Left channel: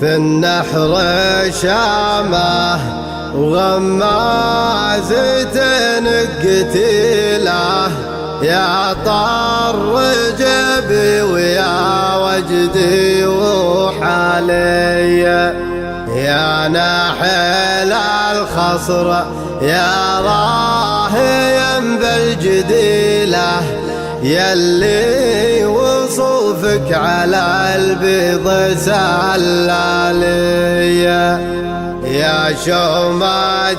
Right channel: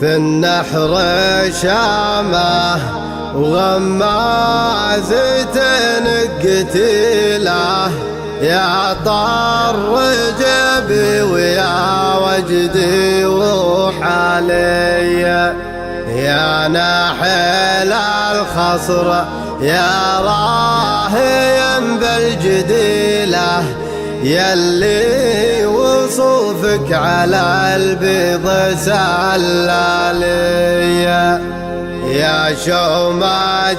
في النحر شامه وغمازة قتيله يا طر جبي ويا وجدي وحالي يا ناحل الخصر يا راهيا بالجديله يلي وصوفك على البيض سلالية يا شومة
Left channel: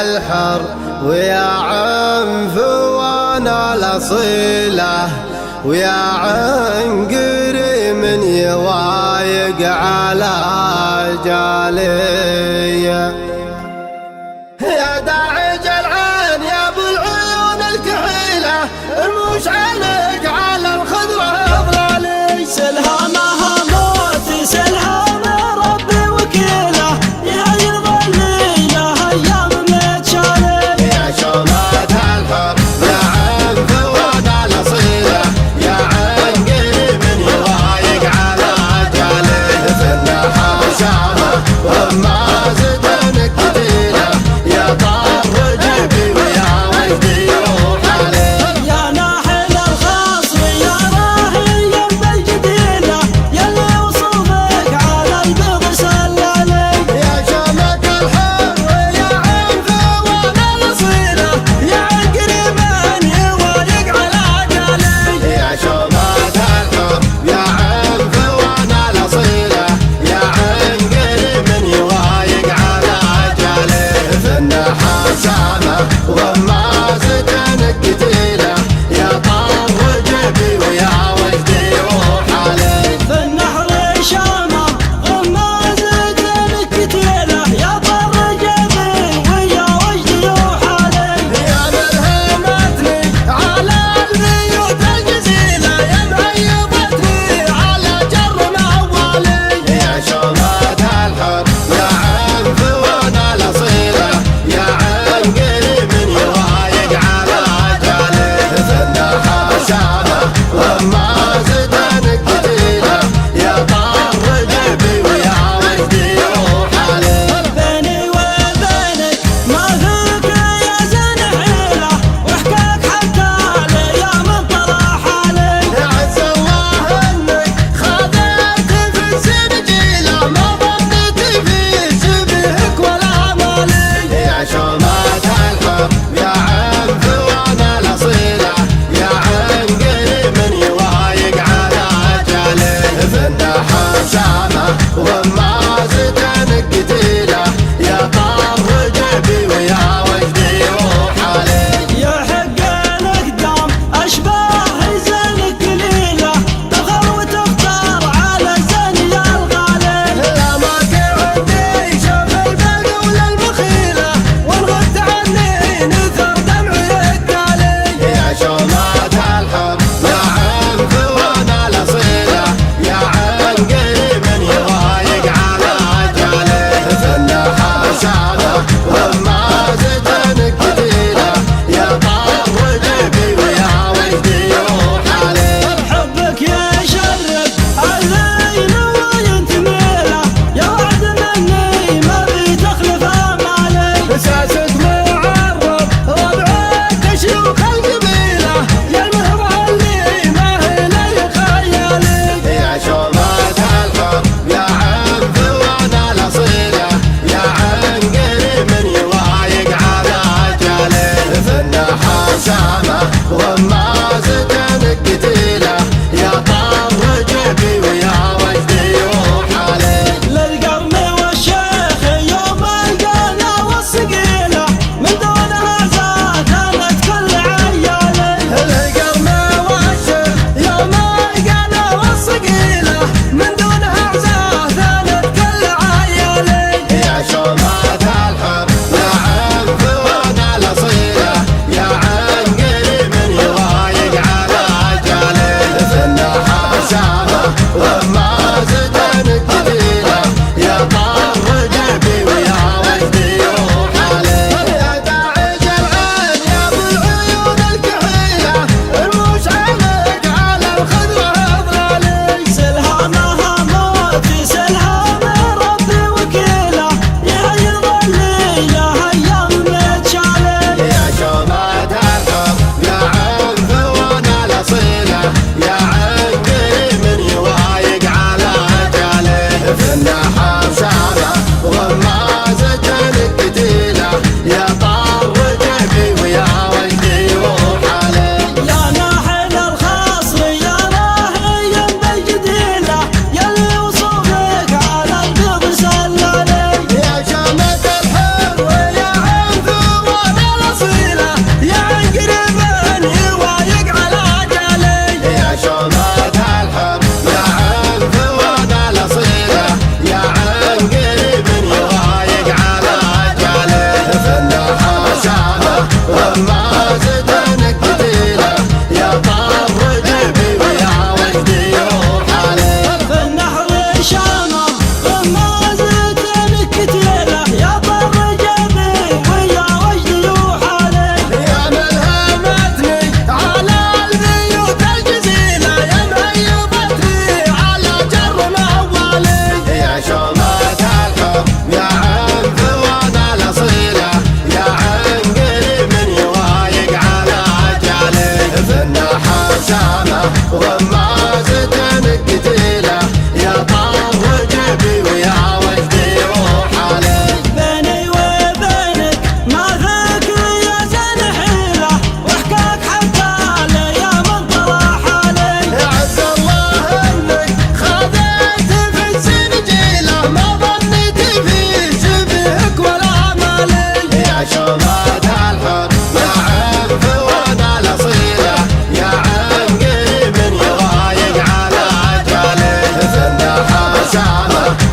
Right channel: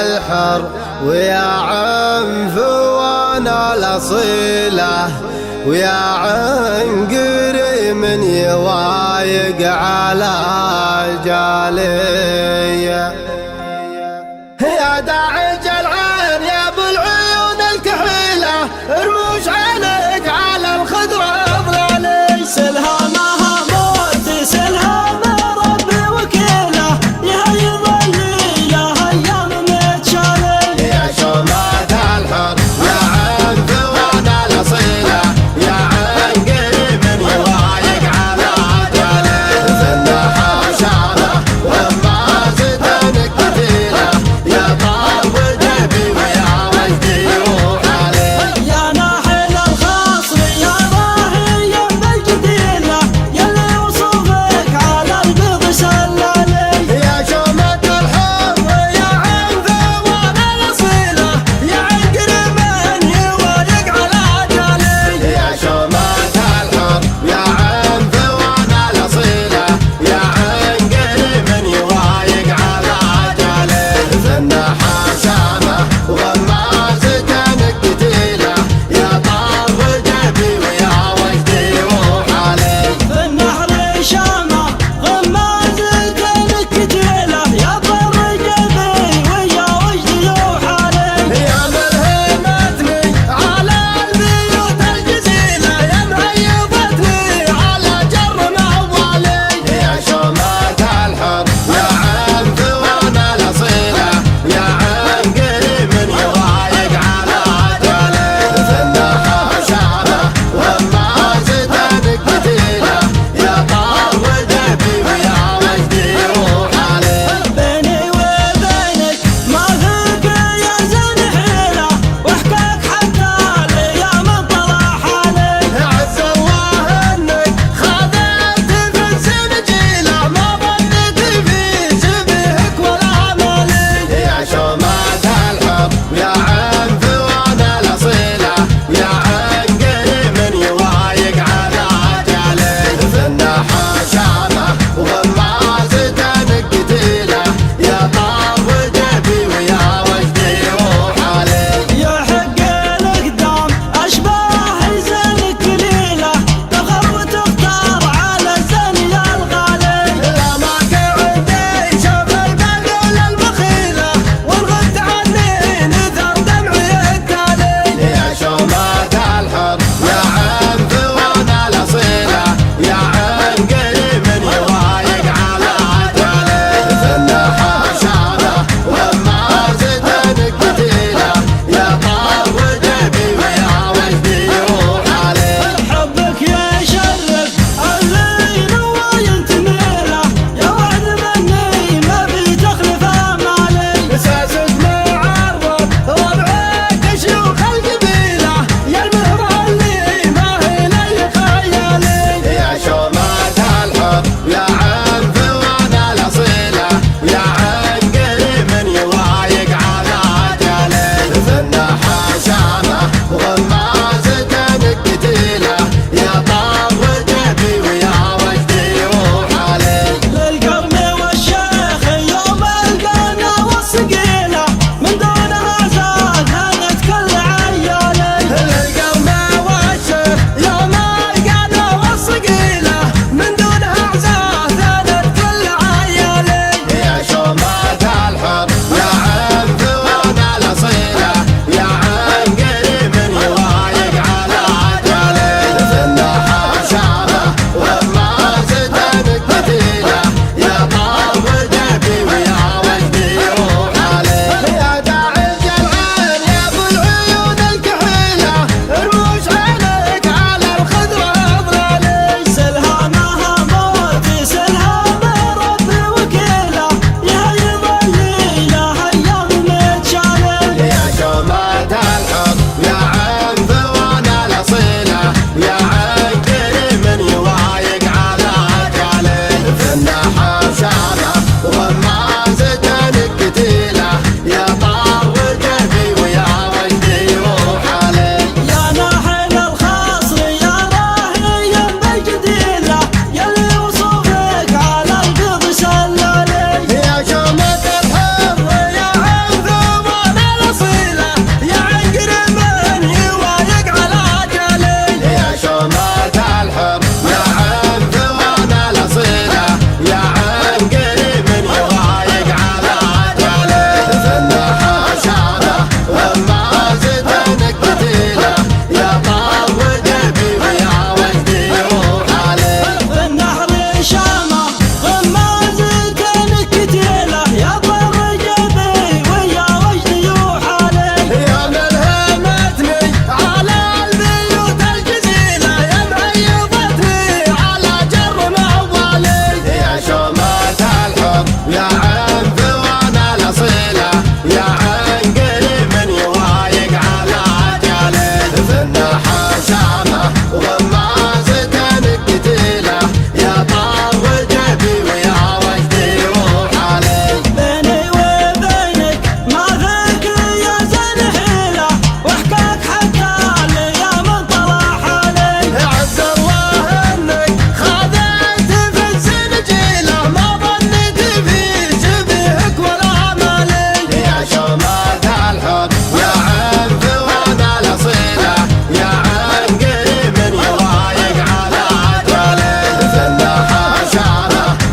الحر ويا عنفوان الأصيلة ويا عنقري من يوايق على جالية يا داعج العين يا ابو العيون الكحيلة رموش عينك على الخضرة الأضلالي سلهامها موت سلهام ربي وكيله يهيض الليلة ايام متشالي يا شومة الحر يا عنفوان الأصيلة يا عنقري من يوايق على جاليه في النحر شامه وغمازة قتيله يا طر جبي ويا وجدي وحالي يا ناحل الخاص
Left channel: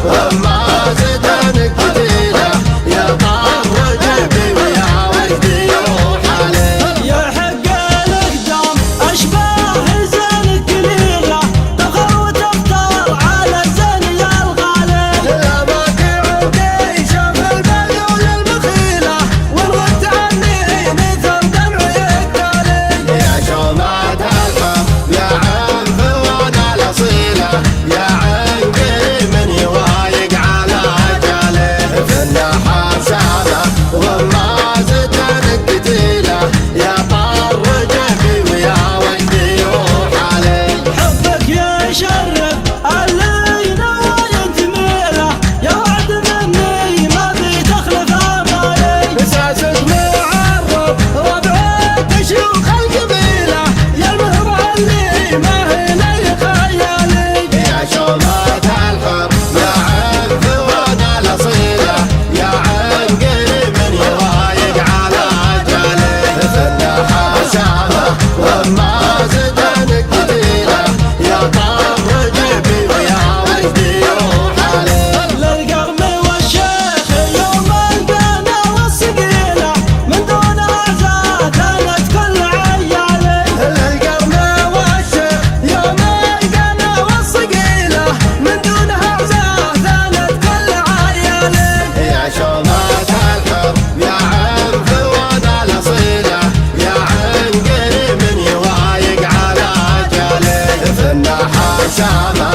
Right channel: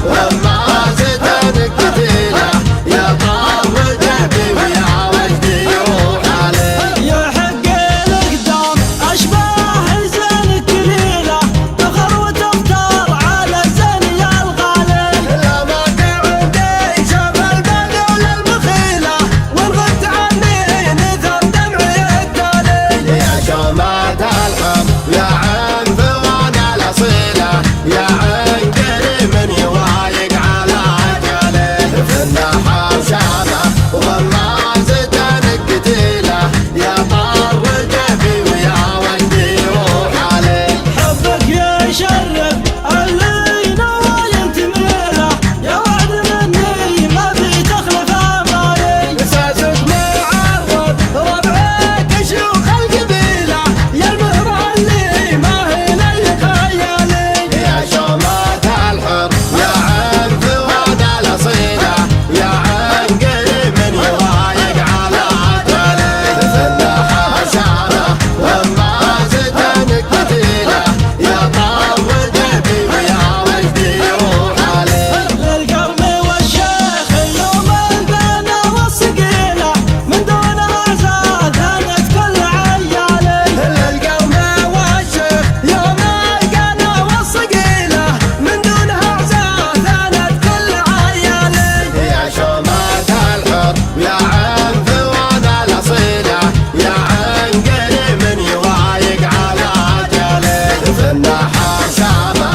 ومازتنك قتيلة يا طار جيبي ويا وجدي روح عليه. يحق الأقدام أشباه الزين كليلة تخر وتختار على الزين يا الغالي. لا باقي عندي شاف البدو للمخيلة والغت عني نثر دمعي التالي. يا شومات الحب يا عين ثوانا الأصيلة يا عين كريم يوايق على أجاله. في النحر شامة ومازتنك قتيلة يا طار جيبي ويا وجدي روح عليه. حبك يشرف اللي نوايا تميله يا وعد مني ما في تخلف امالي. مساسك معرض ربعك شيوخ القبيلة يا المهر اللي ما هي لي خيالي. يا شومات الحر يا عين ثوانا الأصيلة يا عين قريب يوايق على أجاله. في النحر شامة ومازتنك قتيلة يا طار جيبي ويا وجدي روح عليه. للقرم والشيخ يوم القنا والصقيله من دون اعزاز انت كل عيالي. القوم والشيخ يوم القنا والصقيلة من دونها اعزاز ثانت كل عيالي. يا شومات الحر يا عين ثوانا الأصيلة يا عين قريب يوايق على أجاله. في النحر شامة